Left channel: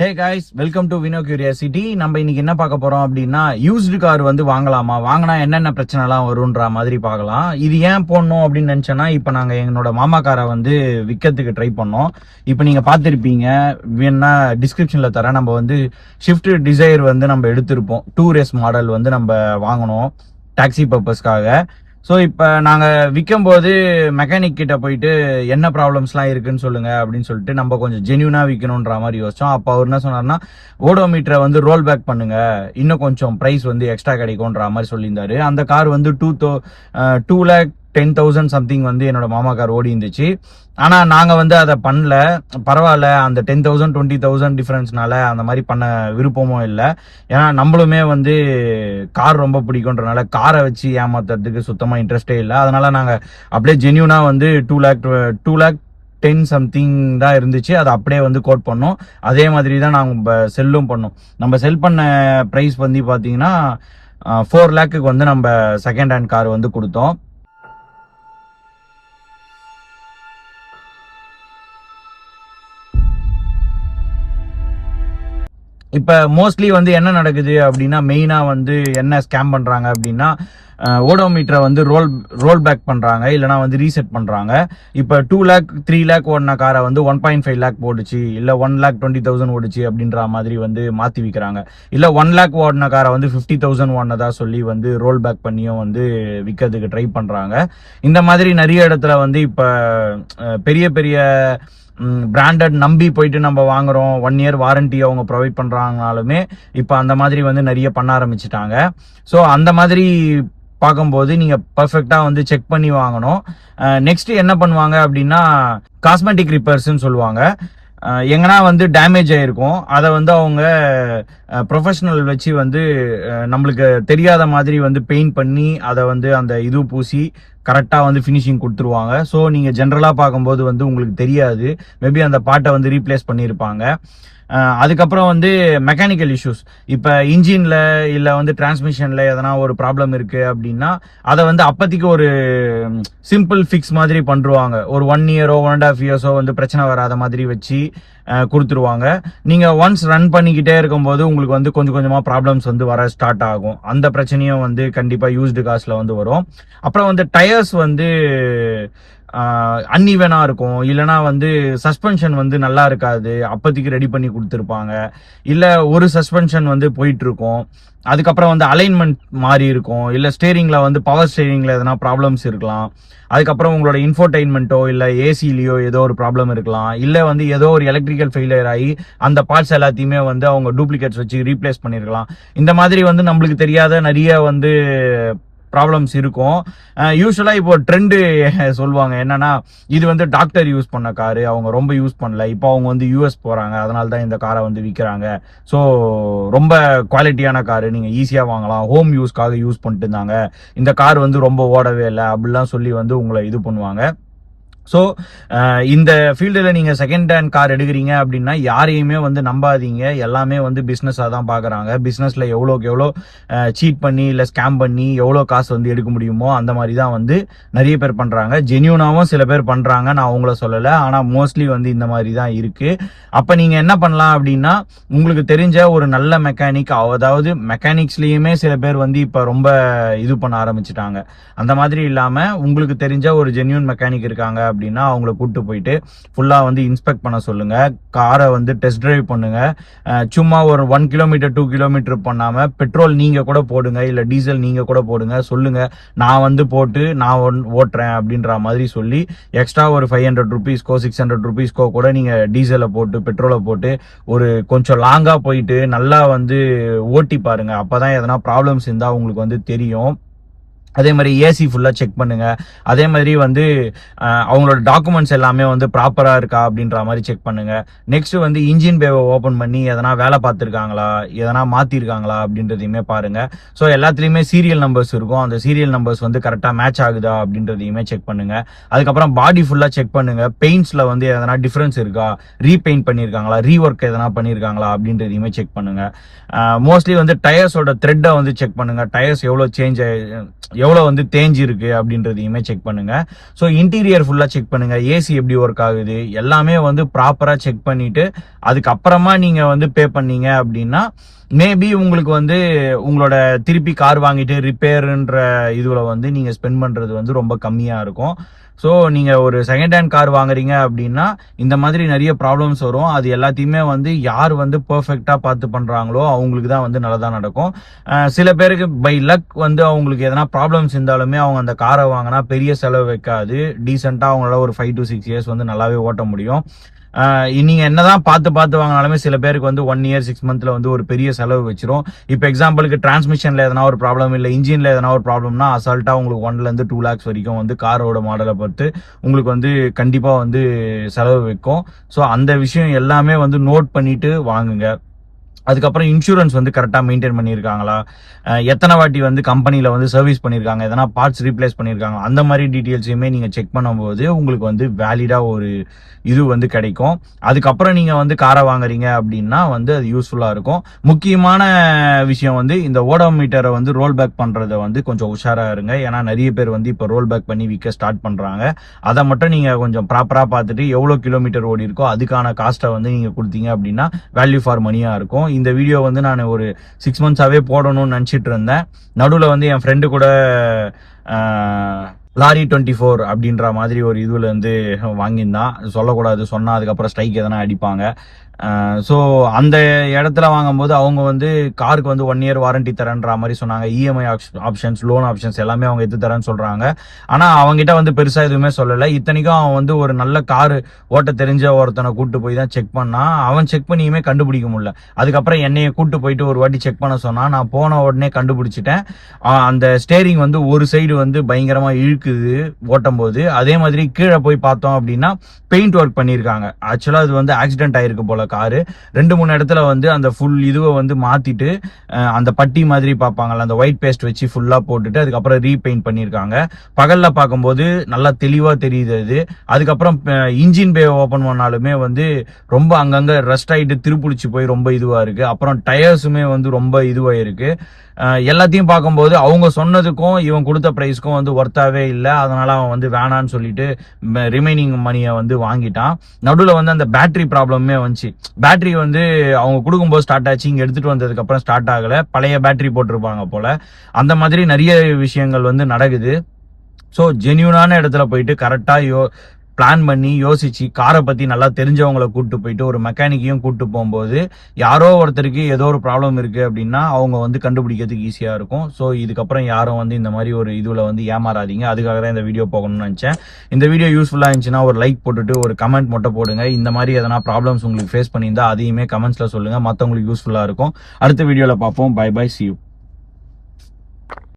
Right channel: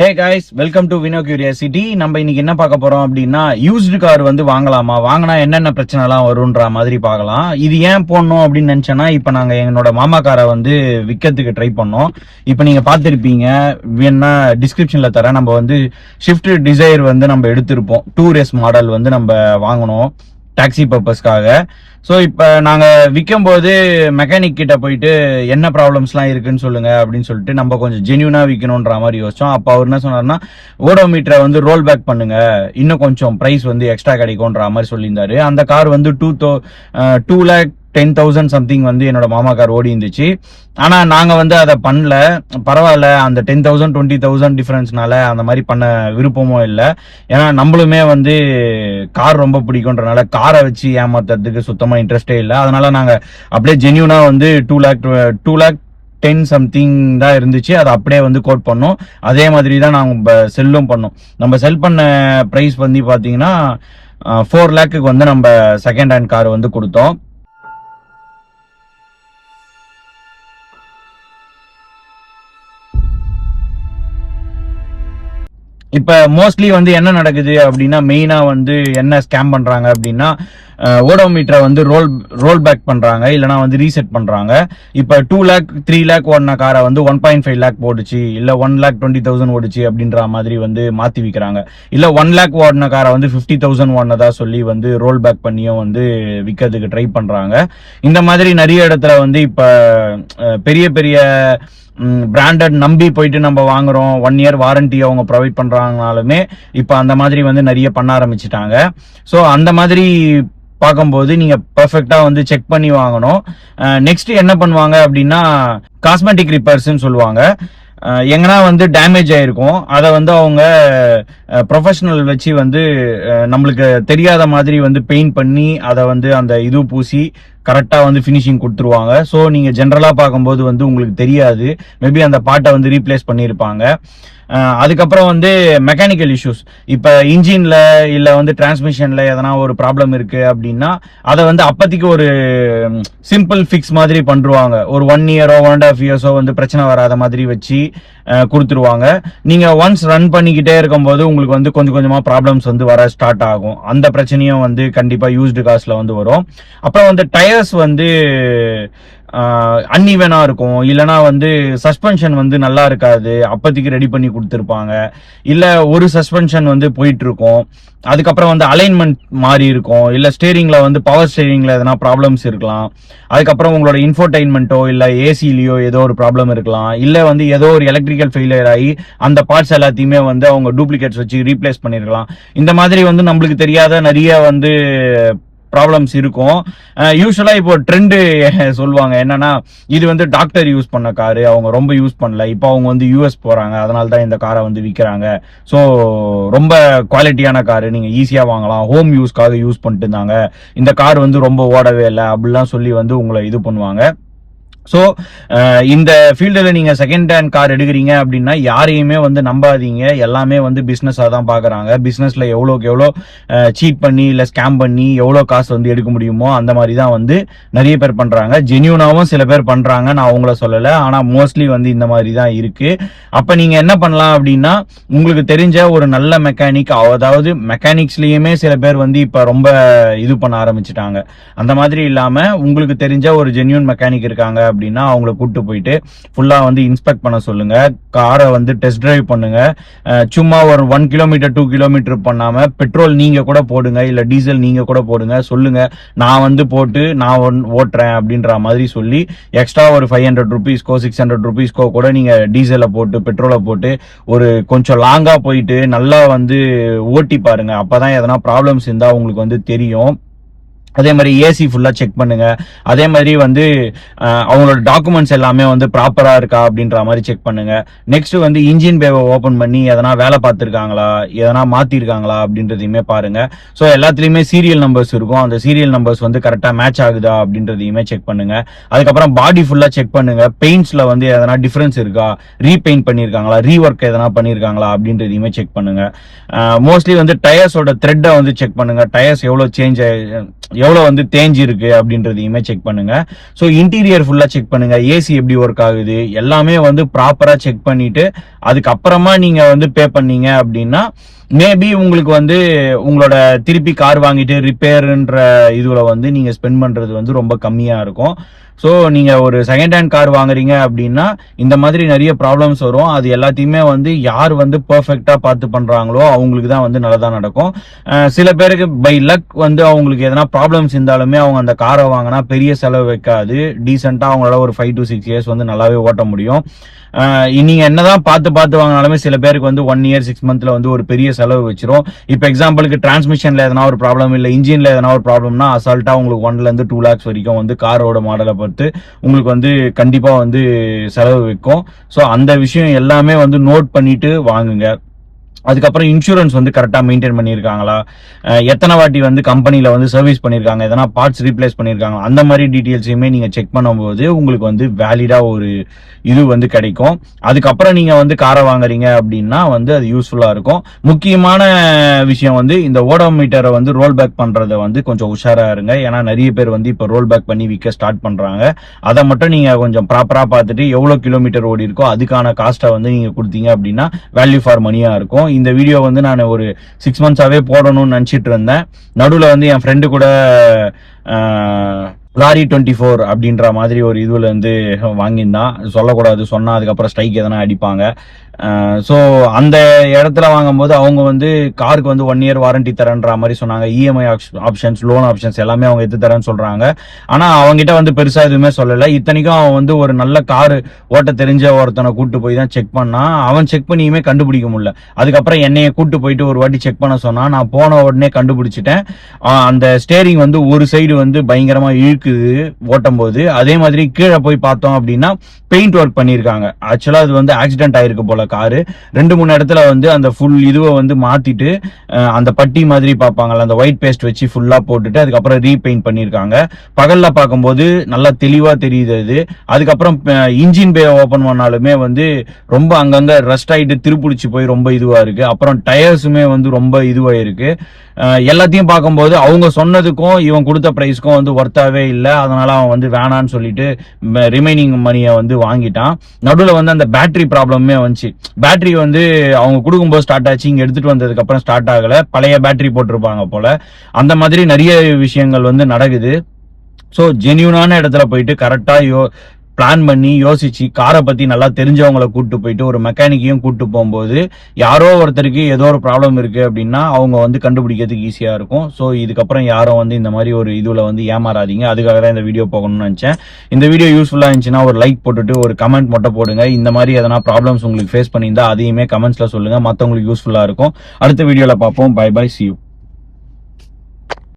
Hey guys, welcome to Vino curiosity. நம்ம இன்னைக்கு என்ன பார்க்க போறோம் அப்படின்னா, யூஸ்டு கார் வந்து வாங்கலாமா, வாங்கினா என்னென்ன பிரச்சனை எல்லாம் வரும்ன்ற மாதிரி பார்க்கலாம். இது ஏன் போடணும் அப்படின்னு நினைச்சேன்னா, இப்ப நாங்க என்னோட மாமா காரை வந்து விற்கிறதுக்கு ட்ரை பண்ணோம். இப்ப நீங்க பார்த்துருப்பீங்க, வேணா டிஸ்கிரிப்ஷன்ல தரேன். நம்ம வந்து ஷிஃப்ட் டிசைர் வந்து நம்ம எடுத்திருப்போம். 2 மாடல் வந்து நம்ம வாங்கணும் டாக்ஸி பர்பஸ்க்காக. ஸோ இப்போ நாங்கள் விற்கும் போது மெக்கானிக் கிட்ட போயிட்டு என்ன ப்ராப்ளம்ஸ்லாம் இருக்குன்னு சொல்லுங்க அப்படின்னு சொல்லிட்டு நம்ம கொஞ்சம் ஜென்யூனாக விற்கணுன்ற மாதிரி யோசிச்சோம். அப்போ அவர் என்ன சொன்னார்னா, ஓடோமீட்டரை வந்து ரோல் பேக் பண்ணுங்க, இன்னும் கொஞ்சம் ப்ரைஸ் வந்து எக்ஸ்ட்ரா கிடைக்கும்ன்ற மாதிரி சொல்லியிருந்தாரு. அந்த கார் வந்து 2,10,000 சம்திங் வந்து என்னோட மாமா கார் ஓடி இருந்துச்சு. ஆனா நாங்க வந்து அதை பண்ணல. பரவாயில்ல, அந்த 10,000 20,000 டிஃபரன்ஸ்னால அந்த மாதிரி பண்ண விருப்பமும் இல்லை. ஏன்னா நம்மளுமே வந்து கார் ரொம்ப பிடிக்கும்ன்றனால காரை வச்சு ஏமாத்துறதுக்கு சுத்தமா இன்ட்ரெஸ்டே இல்லை. அதனால நாங்க அப்படியே ஜென்யூனா வந்து 2,10,000 சம்திங் தான் இருந்துச்சு. அதை அப்படியே வந்து கோட் பண்ணோம். அதே மாதிரி தான் நாங்க செல்லும் பண்ணோம். நம்ம செல் பண்ண பிரைஸ் வந்து பாத்தீங்கன்னா 4 lakhக்கு வந்து நம்ம செகண்ட் ஹேண்ட் கார் வந்து கொடுத்தோம். இப்ப மோஸ்ட்லி வந்து என்ன நடக்குது அப்படின்னா, மெயினா வந்து என்ன ஸ்கேம் பண்றாங்க அப்படின்னா, ஓடோமீட்டரை வந்து ரோல் பேக் பண்றாங்க, இல்லைனா வந்து ரீசெட் பண்றாங்க. இப்ப 2 lakh 3 lakh ஓடின காரை வந்து 1.5 lakh போடுச்சு, இல்ல 1,20,000 ஓடுச்சு அப்படின்ற மாதிரி வந்து மாத்தி விற்கிறாங்க. இல்ல 1 lakh ஓடின காரை வந்து 50,000 ஓடினதா சொல்லி வந்து ரோல் பேக் பண்ணியும் வந்து விற்கிறதுக்கு ட்ரை பண்றாங்க. இந்த மாதிரி நிறைய இடத்துல வந்து இப்ப பெரிய பெரிய பிராண்டட் நம்பி போயிட்டு நம்ம வாங்குறோம், 1 year வாரண்டி அவங்க ப்ரொவைட் பண்றாங்கனாலுமே இப்ப அந்த மாதிரி வந்து நிறைய பண்ண ஆரம்பிச்சுட்டாங்க. ஸோ அந்த மாதிரி பார்க்கும்போது நீங்க பெர்ஃபெக்டா வந்து செக் பண்ணி வாங்கணும். நெக்ஸ்ட் என்ன பண்ணுவாங்க அப்படின்னா, காஸ்மெட்டிக் ரிப்பேர்ஸ்ன்னு சொல்லுவாங்க. எங்கன்னா வந்து டேமேஜ் ஆயிருக்கும், அதை வந்து அவங்க ப்ரொஃபஷனல் வச்சு வந்து நம்மளுக்கு தெரியாத மாதிரி வந்து பெயிண்ட் பண்ணி அதை வந்து அந்த இது பூசி கரெக்டா வந்து ஃபினிஷிங் கொடுத்துருவாங்க. ஸோ நீங்க ஜென்ரலா பார்க்கும்போது வந்து உங்களுக்கு தெரியாது, மேபி அந்த பார்ட்டை வந்து ரீப்ளேஸ் பண்ணியிருப்பாங்க. அதுக்கப்புறம் வந்து மெக்கானிக்கல் இஷ்யூஸ், இப்ப இன்ஜின்ல இல்ல வந்து டிரான்ஸ்மிஷன்ல எதனா ஒரு ப்ராப்ளம் இருக்கு அப்படின்னா அதை வந்து அப்பத்திக்கு ஒரு சிம்பிள் ஃபிக்ஸ் மாதிரி பண்ருவாங்க. ஒரு 1 year 1.5 years வந்து பிரச்சனை வராத மாதிரி வச்சு கொடுத்துருவாங்க. நீங்க ஒன்ஸ் ரன் பண்ணிக்கிட்டே இருக்கும்போது உங்களுக்கு வந்து கொஞ்சம் கொஞ்சமா ப்ராப்ளம்ஸ் வந்து வர ஸ்டார்ட் ஆகும். அந்த பிரச்சனையும் வந்து கண்டிப்பா யூஸ்டு காஸ்ட்ல வந்து வரும். அப்புறம் வந்து டயர்ஸ் வந்து அன்இவனா இருக்கும், இல்லைனா வந்து சஸ்பென்ஷன் வந்து நல்லா இருக்காது, அப்பத்திக்கு ரெடி பண்ணி கொடுத்துருப்பாங்க. இல்ல ஒரு சஸ்பென்ஷன் வந்து போயிட்டு இருக்கும், அதுக்கப்புறம் வந்து அலைன்மெண்ட் மாறி இருக்கும், இல்ல ஸ்டீரிங்ல வந்து பவர் ஸ்டீரிங்ல எதனா ப்ராப்ளம்ஸ் இருக்கலாம். அதுக்கப்புறம் உங்களோட இன்ஃபோடைன்மெண்ட்டோ இல்ல ஏசிலியோ ஏதோ ஒரு ப்ராப்ளம் இருக்கலாம். இல்ல வந்து ஏதோ ஒரு எலக்ட்ரிக்கல் ஃபெயிலியர் ஆகி அந்த பார்ட்ஸ் எல்லாத்தையுமே வந்து அவங்க டூப்ளிகேட்ஸ் வச்சு ரீப்ளேஸ் பண்ணிருக்கலாம். இந்த மாதிரி வந்து நம்மளுக்கு தெரியாத நிறைய வந்து ப்ராப்ளம்ஸ் இருக்கும். யூஸ்வலா இப்போ ட்ரெண்ட் சொல்லுவாங்க என்னன்னா, இது வந்து டாக்டர் யூஸ் பண்ண காரு, அவங்க ரொம்ப யூஸ் பண்ணல, இப்போ அவங்க வந்து யூஎஸ் போறாங்க, அதனால தான் இந்த காரை வந்து விற்கிறாங்க. ஸோ ரொம்ப குவாலிட்டியான காரு, நீங்க ஈஸியா வாங்கலாம், ஹோம் யூஸ்க்காக யூஸ் பண்ணிட்டு இருந்தாங்க, இந்த கார் வந்து ரொம்ப ஓடவே இல்லை அப்படிலாம் சொல்லி வந்து உங்களை இது பண்ணுவாங்க. ஸோ இந்த ஃபீல்டில் நீங்க செகண்ட் ஹேண்ட் கார் எடுக்கிறீங்க அப்படின்னா யாரையுமே வந்து நம்பாதீங்க. எல்லாமே வந்து பிஸ்னஸாக தான் பார்க்குறாங்க. பிஸ்னஸ்ல எவ்வளோக்கு எவ்வளோ சீட் பண்ணி இல்லை ஸ்கேம் பண்ணி எவ்வளோ காசு வந்து எடுக்க முடியுமோ அந்த மாதிரி தான் வந்து நிறைய பேர் பண்றாங்க. ஜென்யூனாவும் சில பேர் பண்றாங்க, நான் அவங்கள சொல்லலை, ஆனால் மோஸ்ட்லி வந்து இந்த மாதிரி தான் இருக்கு. அப்ப நீங்க என்ன பண்ணலாம் அப்படின்னா, உங்களுக்கு தெரிஞ்ச ஒரு நல்ல மெக்கானிக், அதாவது மெக்கானிக்ஸ்லயுமே சில பேர் வந்து இப்ப ரொம்ப இது பண்ண ஆரம்பிச்சுட்டாங்க. அந்த மாதிரி இல்லாம உங்களுக்கு தெரிஞ்ச ஒரு ஜென்யூன் மெக்கானிக் இருக்காங்க அப்படின்னா அவங்கள கூட்டு போயிட்டு ஃபுல்லா வந்து இன்ஸ்பெக்ட் பண்ண சொல்லுங்க. காரை வந்து டெஸ்ட் டிரைவ் பண்ணுங்க. சும்மா ஒரு 1 kilometer 2 kilometer பண்ணாம பெட்ரோல் நீங்க கூட போடுங்க, இல்ல டீசல் நீங்க கூட போடுங்க. சொல்லுங்க, நான் வந்து போட்டு நான் ஓட்டுறேன் அப்படின்ற மாதிரி சொல்லி எக்ஸ்ட்ரா ஒரு 500 rupeesக்கோ 600 rupeesக்கோ கூட நீங்க டீசலை போட்டு பெட்ரோலை போட்டு ஒரு கொஞ்சம் லாங்கா போயிட்டு நல்லா வந்து ஓட்டி பாருங்க. அப்பதான் எதனா ப்ராப்ளம்ஸ் இருந்தா உங்களுக்கு வந்து தெரியும். அதே மாதிரி ஏசி ஃபுல்லா செக் பண்ணுங்க. அதே மாதிரி வந்து அவங்களோட டாக்குமெண்ட்ஸ் எல்லாமே வந்து ப்ராப்பரா இருக்கா அப்படின்ற மாதிரி செக் பண்ணுங்க. நெக்ஸ்ட் வந்து இன்ஜின் பேவை ஓபன் பண்ணி எதனா வேலை பார்த்துருக்காங்களா, எதனா மாத்திருக்காங்களா அப்படின்றதையுமே பாருங்க. ஸோ எல்லாத்துலயுமே சீரியல் நம்பர்ஸ் இருக்கும், அந்த சீரியல் நம்பர்ஸ் வந்து கரெக்டா மேட்ச் ஆகுதா அப்படின்றதையுமே செக் பண்ணுங்க. அதுக்கப்புறம் பாடி ஃபுல்லா செக் பண்ணுங்க. பெயிண்ட்ஸ்ல வந்து எதனா டிஃபரன்ஸ் இருக்கா, ரீபெயிண்ட் பண்ணிருக்காங்களா, ரீஒர்க் எதனா பண்ணிருக்காங்களா அப்படின்றதையுமே செக் பண்ணுங்க. மோஸ்ட்லி வந்து டயர்ஸோட த்ரெட்டை வந்து செக் பண்ணுங்க. டயர்ஸ் எவ்வளவு எவ்வளவு வந்து தேஞ்சு இருக்கு அப்படின்றதையுமே செக் பண்ணுங்க. ஸோ இன்டீரியர் ஃபுல்லா செக் பண்ணுங்க, ஏசி எப்படி ஒர்க் ஆகுது எல்லாமே வந்து ப்ராப்பரா செக் பண்ணிட்டு அதுக்கப்புறமா நீங்க வந்து பே பண்ணீங்க அப்படின்னா மேபி உங்களுக்கு வந்து உங்களோட திருப்பி கார் வாங்கிட்டு ரிப்பேர்ன்ற இதுல வந்து நீங்க ஸ்பெண்ட் பண்றது வந்து ரொம்ப கம்மியா இருக்கும். ஸோ நீங்க ஒரு செகண்ட் ஹேண்ட் கார் வாங்குறீங்க அப்படின்னா இந்த மாதிரி நிறைய ப்ராப்ளம்ஸ் வரும். அது எல்லாத்தையுமே வந்து யார் வந்து பெர்ஃபெக்டா பார்த்து பண்றாங்களோ அவங்களுக்கு தான் வந்து நல்லதா நடக்கும். சில பேருக்கு பை லக் வந்து அவங்களுக்கு எதனா ப்ராப்ளம்ஸ் இருந்தாலுமே அவங்க அந்த காரை வாங்கினா பெரிய செலவு வைக்காது, டீசெண்டா அவங்களால ஒரு 5 to 6 years வந்து நல்லாவே ஓட்ட முடியும். நீங்க என்னதான் பார்த்து வாங்கினாலுமே சில பேருக்கு வந்து 1 year 6 monthல வந்து ஒரு பெரிய செலவு வச்சிரும். இப்ப எக்ஸாம்பிளுக்கு டிரான்ஸ்மிஷன்ல எதனா ஒரு ப்ராப்ளம் இல்ல இன்ஜின்ல எதனா ஒரு ப்ராப்ளம்னா அசால்ட்டா உங்களுக்கு 1 ல இருந்து 2 lakhs வரைக்கும் வந்து காரோட மாடலை பொறுத்து உங்களுக்கு வந்து கண்டிப்பா வந்து செலவு வைக்கும். ஸோ அந்த விஷயம் எல்லாமே வந்து நோட் பண்ணிட்டு வாங்குங்க. அதுக்கப்புறம் இன்சூரன்ஸ் வந்து கரெக்டா மெயின்டைன் பண்ணியிருக்காங்களா, எத்தனை வாட்டி வந்து கம்பெனில வந்து சர்வீஸ் பண்ணியிருக்காங்க, எதனா பார்ட்ஸ் ரீப்ளேஸ் பண்ணியிருக்காங்க, அந்த மாதிரி டீட்டெயில்ஸையுமே நீங்க செக் பண்ணும்போது உங்களுக்கு வந்து வேலிடா ஒரு இது வந்து கிடைக்கும். அதுக்கப்புறம் நீங்க வந்து காரை வாங்குறீங்க அப்படின்னா வந்து அது யூஸ்ஃபுல்லா இருக்கும். முக்கியமான விஷயம் வந்து இந்த ஓடோமீட்டரை வந்து ரோல் பேக் பண்றத வந்து கொஞ்சம் உஷாரா இருங்க. ஏன்னா நிறைய பேர் வந்து இப்ப ரோல் பேக் பண்ணி விற்க ஸ்டார்ட் பண்றாங்க. அதை மட்டும் நீங்க கொஞ்சம் ப்ராப்பரா பார்த்துட்டு எவ்வளவு கிலோமீட்டர் ஓடி இருக்கோ அதுக்கான காஸ்ட்டை வந்து நீங்க கொடுத்தீங்க அப்படின்னா வேல்யூ ஃபார் மணியா இருக்கும். இந்த வீடியோ வந்து நான் ஒரு 6 months போடணும்னு நினைச்சிட்டு இருந்தேன். நடுவில் வந்து என் ஃப்ரெண்டு கூட லாரி 24 அப்படின்ற மாதிரி ஒரு இதுல இருந்து வாங்கியிருந்தான். சொல்லக்கூடாது, சொன்னா அதுக்கப்புறம் ஸ்ட்ரைக் எதனா அடிப்பாங்க. ஸோ அந்த இடத்துல வாங்கும்போது அவங்க வந்து காருக்கு வந்து 1 year வாரண்டி தரேன்ற மாதிரி சொன்னாங்க. இஎம்ஐ ஆப்ஷன்ஸ், லோன் ஆப்ஷன்ஸ் எல்லாமே அவங்க எடுத்து தரேன்னு சொல்றாங்க. ஆனா அவங்ககிட்ட வந்து பெருசா எதுவுமே சொல்லல. இத்தனைக்கும் அவன் வந்து ஒரு நல்ல காரு ஓட்ட தெரிஞ்ச ஒருத்தனை கூட்டு போய் தான் செக் பண்ணா. அவன் செக் பண்ணியுமே கண்டுபிடிக்க முடியல. அதுக்கப்புறம் என்னைய கூட்டு போயிட்டு ஒரு வாட்டி செக் பண்ண சொன்னா. நான் போன உடனே கண்டுபிடிச்சிட்டேன். அந்த ஸ்டேரிங் வந்து ஒரு சைடு வந்து பயங்கரமா இழுக்குது ஓட்டும் போது. அதே மாதிரி கீழே போய் பார்த்தோம் அப்படின்னா பெயிண்ட் ஒர்க் பண்ணியிருக்காங்க. ஆக்சுவலா அது வந்து ஆக்சிடென்ட் ஆயிருக்கு போல காரு. 2-3 இடத்துல வந்து அந்த ஃபுல் இதுவை வந்து மாத்திட்டு அந்த பட்டி மாதிரி பார்ப்பாங்கல்ல அந்த ஒயிட் பேஸ்ட் வச்சு ஃபுல்லா போட்டுட்டு அதுக்கப்புறம் ரீபெயிண்ட் பண்ணியிருக்காங்க. பகல்ல பார்க்கும்போது நல்லா தெளிவா தெரியுது அது. அதுக்கப்புறம் இன்ஜின் பே ஓபன் பண்ணாலுமே வந்து ரொம்ப அங்கங்க ரஸ்ட் ஆயிட்டு திருப்பிடிச்சு போய் ரொம்ப இதுவா இருக்கு. அப்புறம் டயர்ஸுமே வந்து ரொம்ப இதுவா இருக்கு. எல்லாத்தையும் பார்க்கும்போது அவங்க சொன்னதுக்கும் இவன் கொடுத்த பிரைஸ்க்கும் வந்து ஒர்த்தாவே இல்லை. அதனால அவன் வந்து வேணான்னு சொல்லிட்டு ரிமைனிங் மணியை வந்து வாங்கிட்டான். நடுவில் வந்து அந்த பேட்டரி ப்ராப்ளமே வந்துச்சு. பேட்டரி வந்து அவங்க கொடுக்கும்போது ஸ்டார்ட் ஆச்சு, இங்க எடுத்துட்டு வந்ததுக்கு அப்புறம் ஸ்டார்ட் ஆகல. பழைய பேட்டரி போட்டிருப்பாங்க போல. அந்த மாதிரி நிறைய விஷயங்கள் வந்து நடக்குது. ஸோ ஜென்யூனான இடத்துல போயிட்டு கரெக்டா பிளான் பண்ணி யோசிச்சு காரை பத்தி நல்லா தெரிஞ்சவங்களை கூட்டு போயிட்டு ஒரு மெக்கானிக்கையும் கூட்டு போகும்போது யாரோ ஒருத்தருக்கு ஏதோ ஒரு ப்ராப்ளம் இருக்கு அப்படின்னா அவங்க வந்து கண்டுபிடிக்கிறதுக்கு ஈஸியா இருக்கும். ஸோ இதுக்கப்புறம் யாரும் வந்து இந்த மாதிரி ஒரு இதுல வந்து ஏமாறாதீங்க. அதுக்காக தான் இந்த வீடியோ போகணும்னு நினைச்சேன். இந்த வீடியோ யூஸ்ஃபுல்லா இருந்துச்சுன்னா ஒரு லைக் போட்டுட்டு ஒரு கமெண்ட் மட்டும் போடுங்க. இந்த மாதிரி எதனா ப்ராப்ளம்ஸ் உங்களுக்கு ஃபேஸ் பண்ணியிருந்தா அதையுமே கமெண்ட்ஸ்ல சொல்லுங்க. மற்றவங்களுக்கு யூஸ்ஃபுல்லா இருக்கும். அடுத்த வீடியோல பார்ப்போம். Bye bye, see you.